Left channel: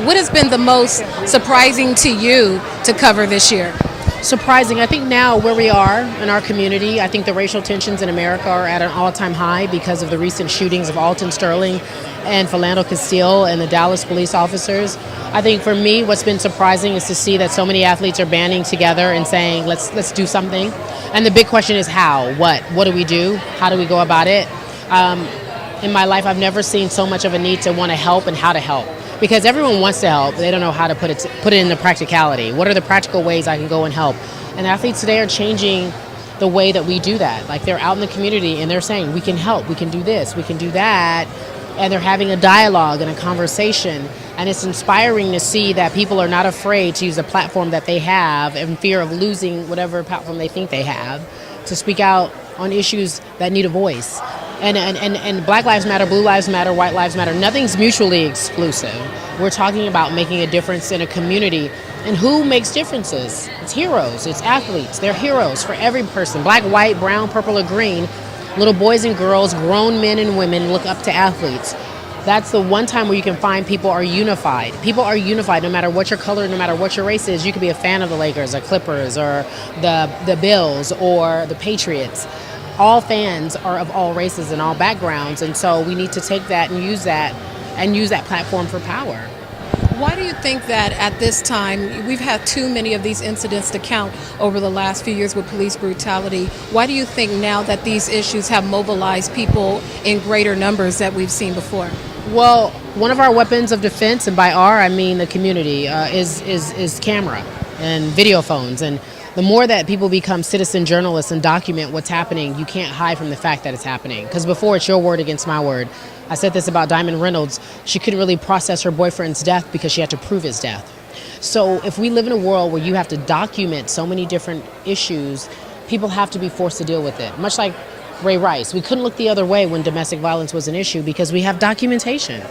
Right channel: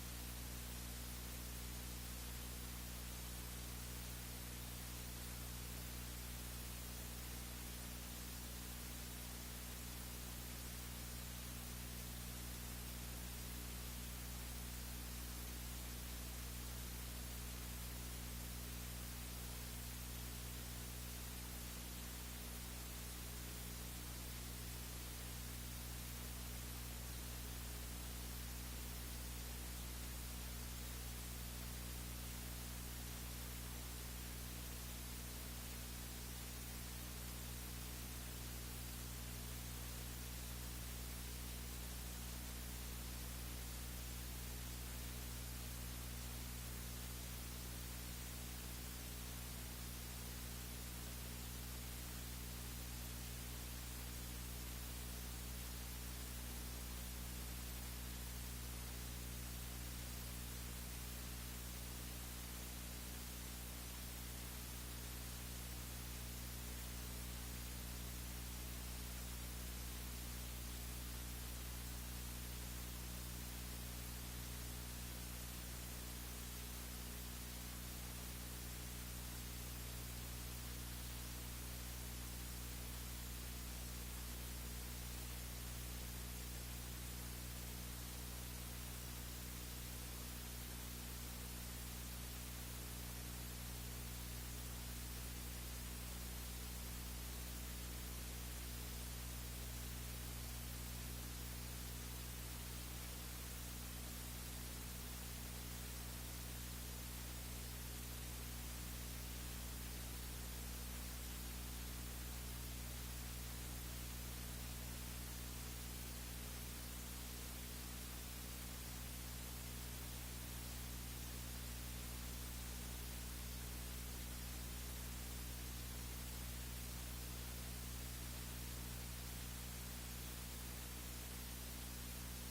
What has been the most surprising to you to cover this year? Surprising. I think now where we are in our community, I think the racial tensions in America are at an all-time high because of the recent shootings of Alton Sterling and Philando Castile and the Dallas police officers. I think for me, what's been surprising is to see that so many athletes are banding together and saying, let's do something. And the big question is how, what do we do? How do we go about it? In my life, I've never seen so much of a need to want to help and how to help. Because everyone wants to help, they don't know how to put it into practicality. What are the practical ways I can go and help? And athletes today are changing the way that we do that. Like they're out in the community and they're saying, we can help, we can do this, we can do that. And they're having a dialogue and a conversation. And it's inspiring to see that people are not afraid to use a platform that they have in fear of losing whatever platform they think they have to speak out on issues that need a voice. And Black Lives Matter, Blue Lives Matter, White Lives Matter, nothing's mutually exclusive. We're talking about making a difference in a community. And who makes differences? It's heroes, it's athletes. They're heroes for every person, black, white, brown, purple, or green. Little boys and girls, grown men and women look up to athletes. That's the one time where you can find people are unified. People are unified no matter what your color, no matter what your race is. You could be a fan of the Lakers or Clippers or the Bills or the Patriots. All fans are of all races and all backgrounds, and so we need to take that and use that platform for power. Why do you think that at this time, we've had too many of these incidents to count over the last few years with police brutality? Why do you think now that these issues have mobilized people in greater numbers that we've seen before? Well, one of our weapons of defense, and by our I mean the community, is camera and video phones. And the more that people become citizen journalists and document what's happening, you can't hide from the fact that it's happening. Because before, it's your word against my word. I said this about Diamond Reynolds. She couldn't really process her boyfriend's death because she had to prove his death. So if we live in a world where you have to document so many different issues, people have to be forced to deal with it. Much like Ray Rice. We couldn't look the other way when domestic violence was an issue because we have documentation.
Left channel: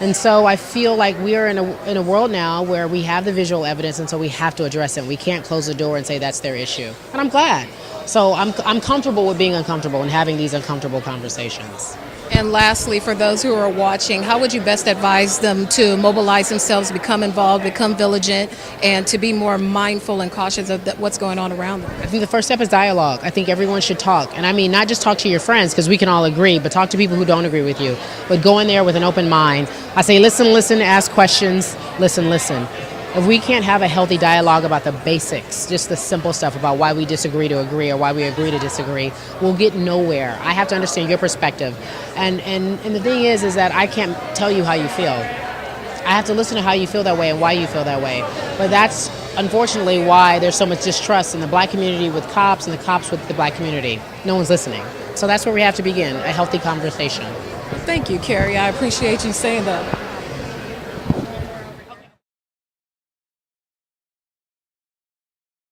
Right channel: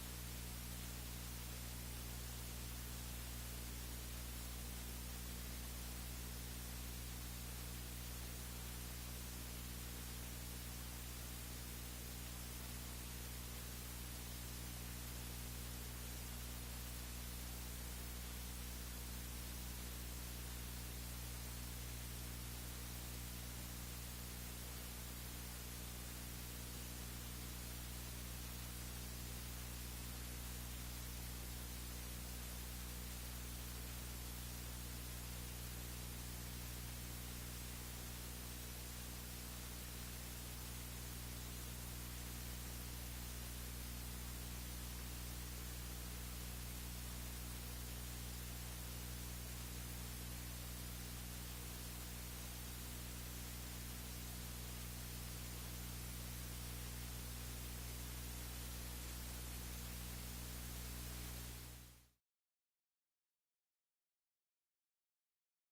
And so I feel like we are in a world now where we have the visual evidence, and so we have to address it. We can't close the door and say that's their issue. And I'm glad. So I'm comfortable with being uncomfortable and having these uncomfortable conversations. And lastly, for those who are watching, how would you best advise them to mobilize themselves, become involved, become vigilant, and to be more mindful and cautious of what's going on around them? I think the first step is dialogue. I think everyone should talk. And I mean, not just talk to your friends, because we can all agree, but talk to people who don't agree with you. But go in there with an open mind. I say listen, ask questions, listen. If we can't have a healthy dialogue about the basics, just the simple stuff about why we disagree to agree or why we agree to disagree, we'll get nowhere. I have to understand your perspective. And the thing is that I can't tell you how you feel. I have to listen to how you feel that way and why you feel that way. But that's unfortunately why there's so much distrust in the black community with cops and the cops with the black community. No one's listening. So that's where we have to begin, a healthy conversation. Thank you, Cari. I appreciate you saying that.